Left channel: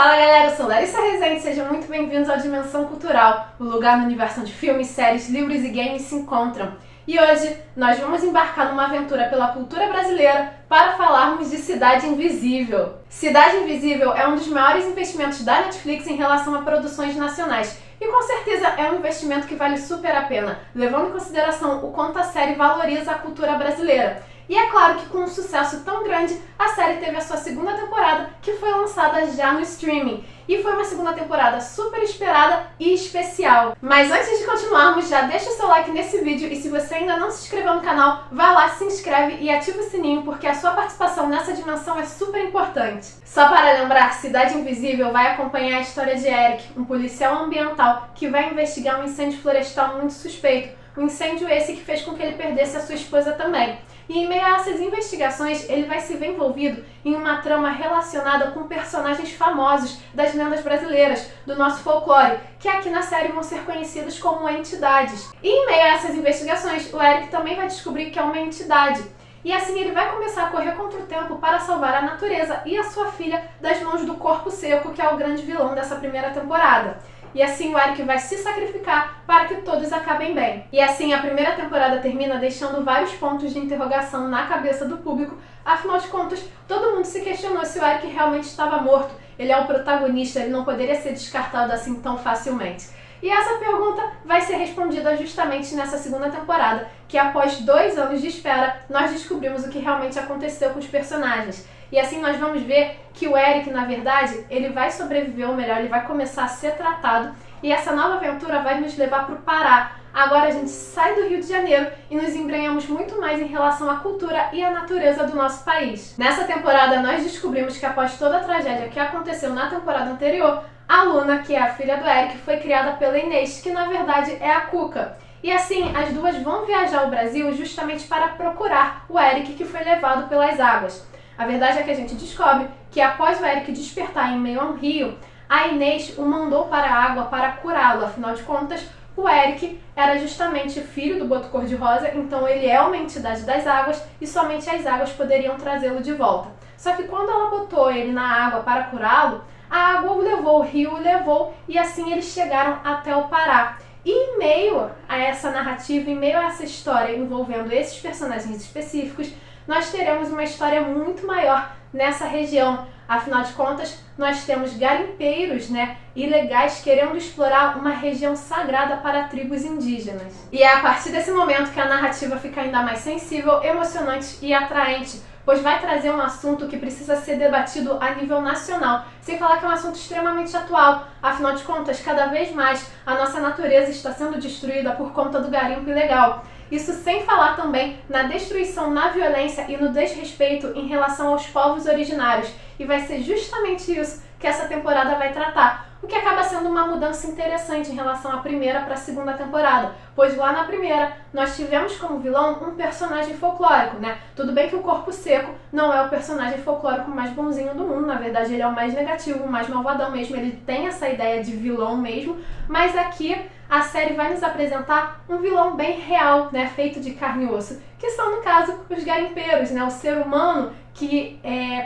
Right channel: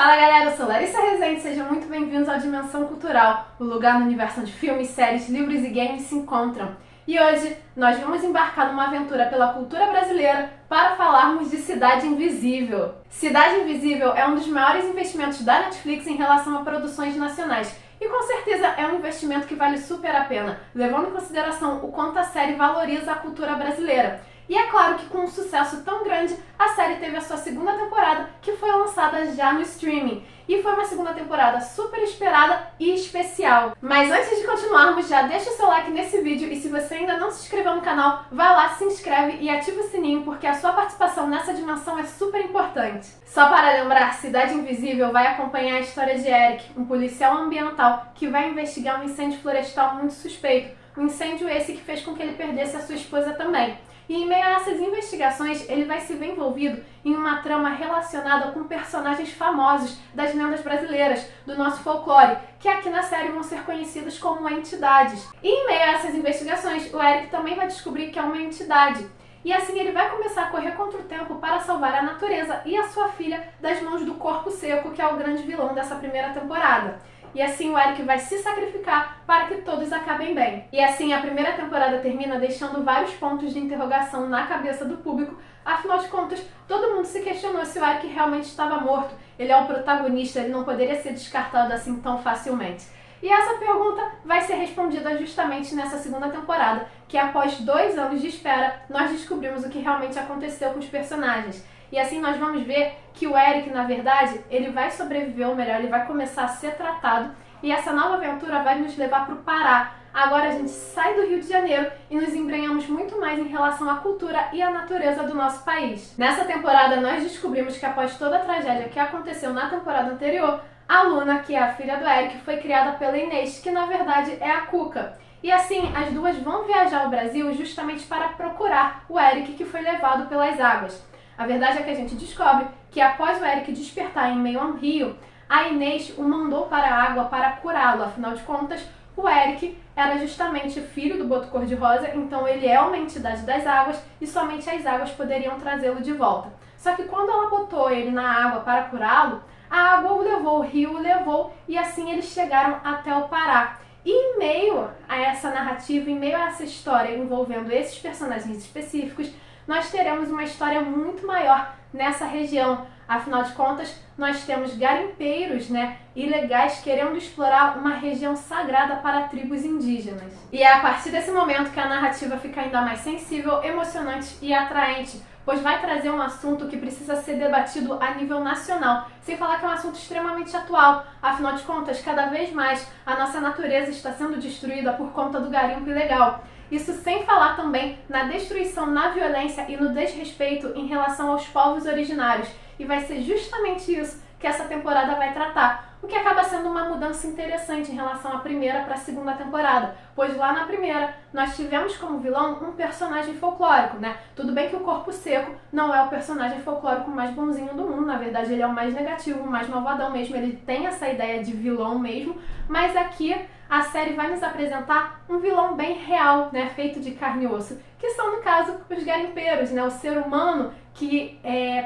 Fala galera, eu sou Larissa Rezende, sejam muito bem-vindos ao Dimensão Cultural, o lugar no universo onde filmes, séries, livros e games se encontram. E hoje nós vamos embarcar numa aventura pela cultura brasileira para falarmos de Cidade Invisível. Cidade Invisível é um dos maiores investimentos da Netflix em relação a produções nacionais. E com certeza é um investimento que vale super a pena, levando em consideração o quanto a série valoriza a cultura brasileira. E é claro que com um sucesso tão grande, a série teve a sua segunda temporada, que foi lançada já no streaming. E foi uma segunda temporada super esperada e especial. Mas antes de continuarmos, já deixa o seu like nesse vídeo e se você ainda não se inscreveu no canal, vai lá, se inscreve e ativa o sininho, porque a sua participação nessa dimensão é super importante. Só para lembrar, Cidade Invisível vai acompanhar a história de Eric, um policial ambiental que vai investigar um incêndio florestal muito suspeito. Um incêndio esse que fez com que ele perdesse a sua esposa também. E em meio a essas investigações, ele vai se ver envolvido em uma trama relacionada com personagens famosos das lendas brasileiras, do nosso folclore, que aqui na série vão ser conhecidos como entidades. E em meio a essas investigações, o Eric também vai descobrir que é uma entidade. E assim ele vai começar a correr contra o tempo para salvar a natureza e a sua filha das mãos do Corpo Seco, que é o grande vilão dessa primeira temporada. E assim o Eric vai se sacrificar para que todos acabem bem. E assim a primeira temporada termina deixando vários pontos de interrogação na cabeça do público. Afinal de contas, todo mundo se questionou se o Eric realmente estava morto. Ele é o protagonista, ele não poderia ser descartado assim tão facilmente. E essa pergunta vai ser respondida justamente nessa segunda temporada, que após 2 anos de espera, nós descobrimos o que realmente aconteceu com os personagens. E assim nós vamos ver que o Eric, na verdade, ele vai sobreviver, ou melhor, ele vai começar a ser tratado. E essa nova aventura vai nos levar para o Pará. Agora a gente sai do Rio de Janeiro e nos embrenhamos muito mais em relação à cultura e à natureza do nosso país. Nessa temporada nós descobrimos que após toda a tragédia que aconteceu na temporada anterior, a Luna, que é a filha do Eric, foi criada pela Inês, que na verdade é a Cuca. E assim, as duas vão viajar ao Brasil justamente para procurar o Eric, que foi levado pelas águas. A verdade é que a gente descobre que após o Eric despertar em meio a um rio, a Inês o mandou para a água para curá-lo. Afinal de contas, o Eric era justamente filho do Boto Cor-de-Rosa, então ele é uma entidade das águas e somente as águas poderiam trazê-lo de volta. Só que quando ela botou ele na água para curá-lo, a água o levou, o rio o levou e assim eles chegaram até o Pará. E em meio a essa narrativa, em meio a essa história envolvendo esses personagens específicos, nós teremos uma história muito maior nessa região. Afinal de contas, nós temos garimpeiros, ilegais querendo explorar uma região sagrada para tribos indígenas. E é a partir desse momento que a narrativa fica ainda mais sensível, emocionante e atraente, pois vai trazer um assunto que precisa ser debatido a nível nacional, sem falar que é um assunto extremamente atual. Afinal de contas, cada vez mais a nossa natureza está sendo destruída por conta do garimpo ilegal. Isso sem falar também na destruição, na violência e no desrespeito em relação aos povos originários. E vai ser justamente isso que essa temporada vai tratar, o que acaba sendo uma mudança interessante em relação à primeira para a segunda temporada, pois lá na primeira nós tivemos como vilão um personagem folclórico, Tudo bem que o Corpo Seco não é o personagem folclórico mais bonzinho do mundo, na verdade ele é o mais negativo, o mais malvadão mesmo, ele tem essa ideia de vilão mesmo, mas aqui a série vai nos apresentar um vilão bem real, feito de carne e osso, que são, no caso, os garimpeiros, o ser humano que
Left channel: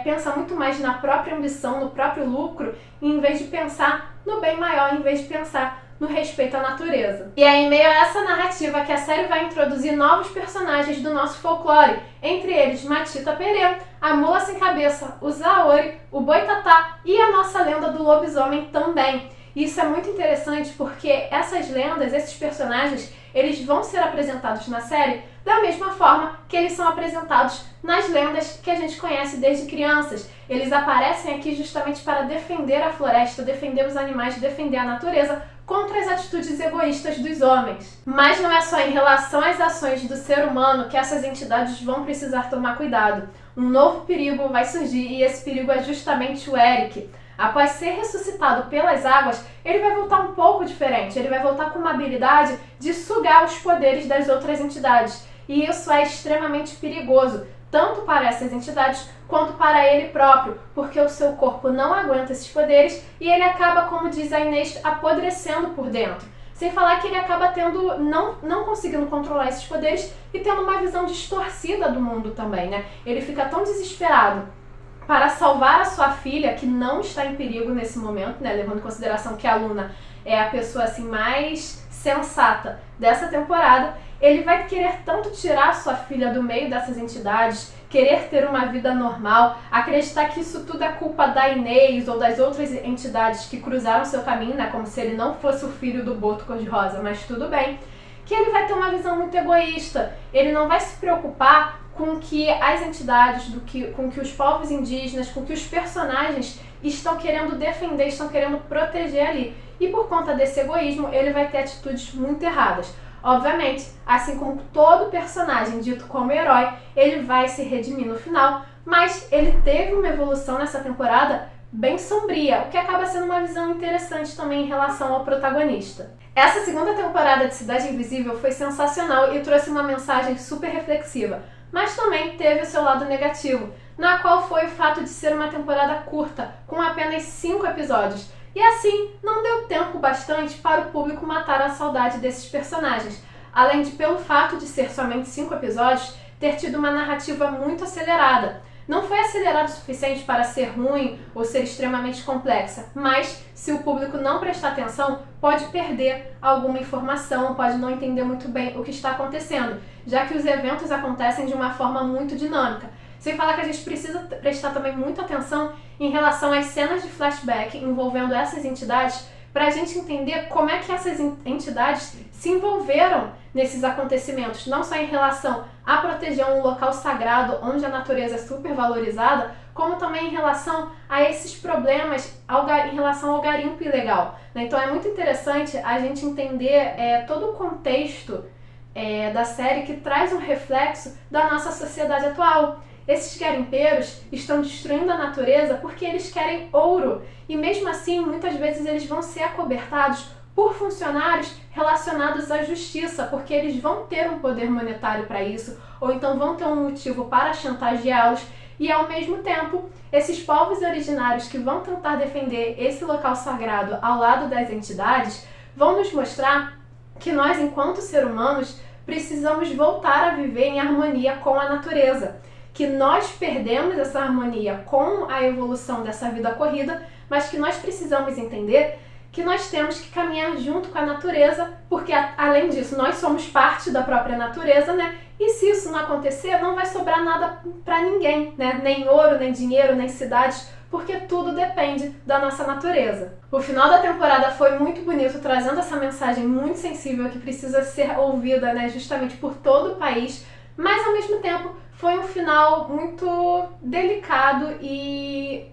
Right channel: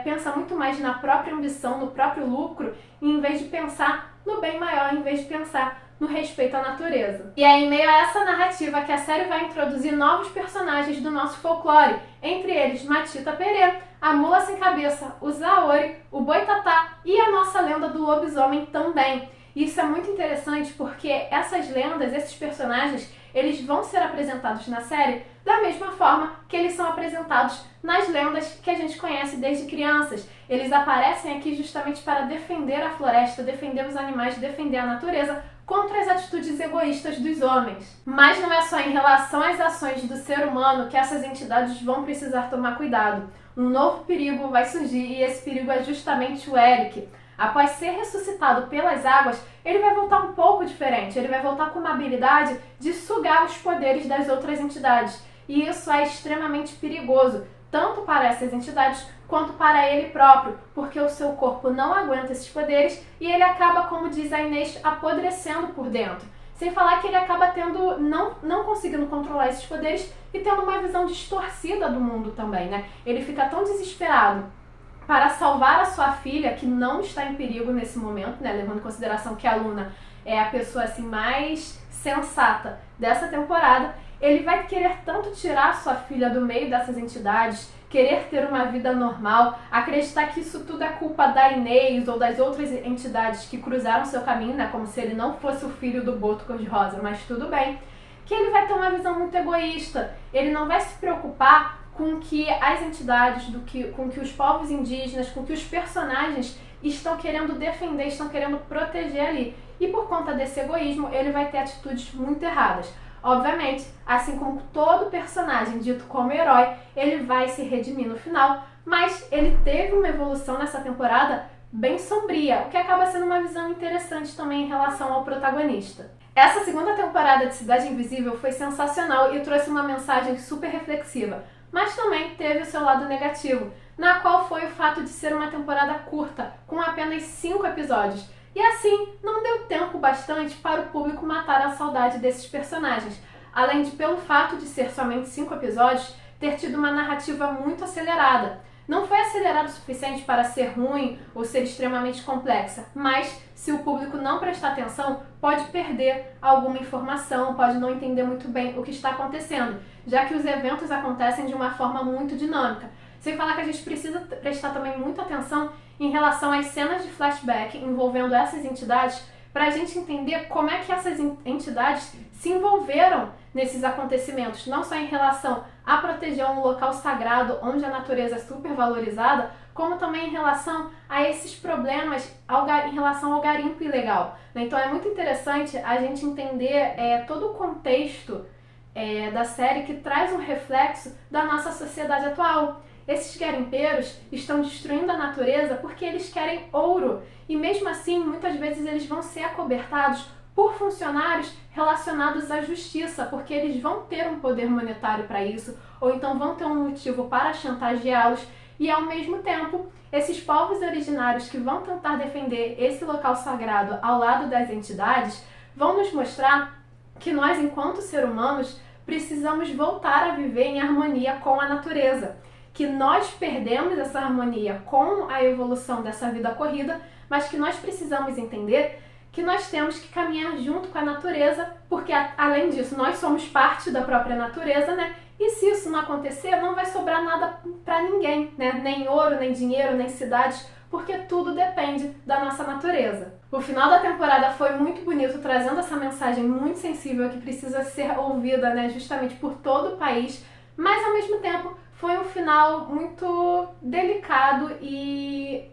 pensa muito mais na própria ambição, no próprio lucro, em vez de pensar no bem maior, em vez de pensar no respeito à natureza. E é em meio a essa narrativa que a série vai introduzir novos personagens do nosso folclore, entre eles Matita Perê, a Mula Sem Cabeça, o Zaori, o Boitatá e a nossa lenda do lobisomem também. Isso é muito interessante porque essas lendas, esses personagens, eles vão ser apresentados na série da mesma forma que eles são apresentados nas lendas que a gente conhece desde crianças. Eles aparecem aqui justamente para defender a floresta, defender os animais, defender a natureza contra as atitudes egoístas dos homens. Mas não é só em relação às ações do ser humano que essas entidades vão precisar tomar cuidado. Um novo perigo vai surgir e esse perigo é justamente o Eric. Após ser ressuscitado pelas águas, ele vai voltar um pouco diferente. Ele vai voltar com uma habilidade de sugar os poderes das outras entidades. E isso é extremamente perigoso, tanto para essas entidades quanto para ele próprio, porque o seu corpo não aguenta esses poderes e ele acaba, como diz a Inês, apodrecendo por dentro. Sem falar que ele acaba tendo, não conseguindo controlar esses poderes e tendo uma visão distorcida do mundo também, Ele fica tão desesperado para salvar a sua filha, que não está em perigo nesse momento, né, levando em consideração que a Luna é a pessoa assim mais sensata dessa temporada, ele vai querer tanto tirar sua filha do meio dessas entidades, querer ter uma vida normal, acreditar que isso tudo é culpa da Inês ou das outras entidades que cruzaram seu caminho, né, como se ele não fosse o filho do Boto Cor-de-Rosa, mas tudo bem, que ele vai ter uma visão muito egoísta, ele não vai se preocupar com que as entidades, com que os povos indígenas, com que os personagens estão querendo defender, estão querendo proteger ali. E por conta desse egoísmo, ele vai ter atitudes muito erradas. Obviamente, assim como todo personagem dito como herói, ele vai se redimir no final, mas ele teve uma evolução nessa temporada bem sombria, o que acaba sendo uma visão interessante também em relação ao protagonista. Essa segunda temporada de Cidade Invisível foi sensacional e trouxe uma mensagem super reflexiva, mas também teve o seu lado negativo, na qual foi o fato de ser uma temporada curta, com apenas 5 episódios, e assim não deu tempo bastante para o público matar a saudade desses personagens, além de, pelo fato de ser somente 5 episódios, ter tido uma narrativa muito acelerada. Não foi acelerado o suficiente para ser ruim ou ser extremamente complexa, mas se o público não prestar atenção, pode perder alguma informação, pode não entender muito bem o que está acontecendo, já que os eventos acontecem de uma forma muito dinâmica. Sem falar que a gente precisa prestar também muita atenção em relação às cenas de flashback envolvendo essas entidades, para a gente entender como é que essas entidades se envolveram nesses acontecimentos, não só em relação a proteger um local sagrado onde a natureza é super valorizada, como também em relação a esses problemas em relação ao garimpo ilegal. Então é muito interessante a gente entender todo o contexto da série que traz um reflexo da nossa sociedade atual. Esses garimpeiros estão destruindo a natureza porque eles querem ouro e mesmo assim muitas vezes eles vão ser acobertados por funcionários relacionados à justiça, porque eles vão ter um poder monetário para isso, ou então vão ter um motivo para chantageá-los, e ao mesmo tempo, esses povos originários que vão tentar defender esse local sagrado ao lado das entidades, vão nos mostrar que nós, enquanto seres humanos, precisamos voltar a viver em harmonia com a natureza, que nós perdemos essa harmonia com a evolução dessa vida corrida, mas que nós precisamos entender que nós temos que caminhar junto com a natureza, porque além disso nós somos parte da própria natureza, né? E se isso não acontecer, não vai sobrar nada para ninguém, né? Nem ouro, nem dinheiro, nem cidades, porque tudo depende da nossa natureza. O final da temporada foi muito bonito, trazendo essa mensagem muito sensível que precisa ser ouvida, né? Justamente por todo o país, mas ao mesmo tempo foi um final muito delicado e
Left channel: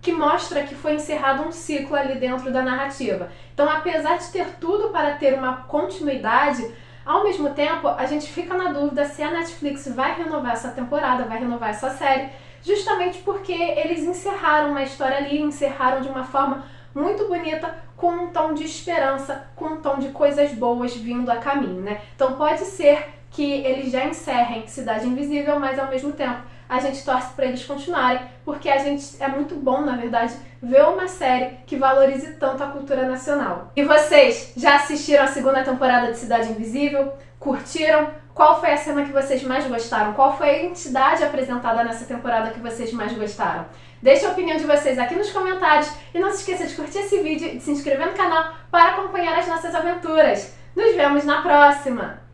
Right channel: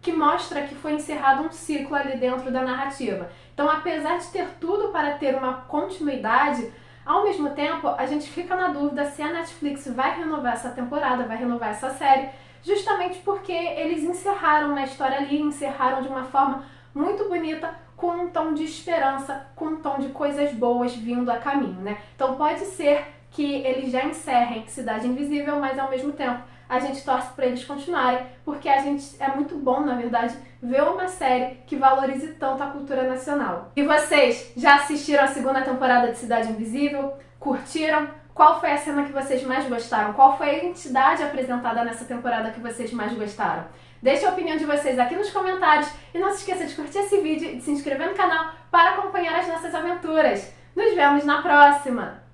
que mostra que foi encerrado um ciclo ali dentro da narrativa. Então, apesar de ter tudo para ter uma continuidade, ao mesmo tempo, a gente fica na dúvida se a Netflix vai renovar essa temporada, vai renovar essa série, justamente porque eles encerraram uma história ali, encerraram de uma forma muito bonita, com um tom de esperança, com um tom de coisas boas vindo a caminho, né? Então, pode ser que eles já encerrem Cidade Invisível, mas ao mesmo tempo a gente torce para eles continuarem, porque é muito bom, na verdade, ver uma série que valorize tanto a cultura nacional. E vocês, já assistiram a segunda temporada de Cidade Invisível? Curtiram? Qual foi a cena que vocês mais gostaram? Qual foi a entidade apresentada nessa temporada que vocês mais gostaram? Deixe a opinião de vocês aqui nos comentários e não se esqueça de curtir esse vídeo e de se inscrever no canal para acompanhar as nossas aventuras. Nos vemos na próxima!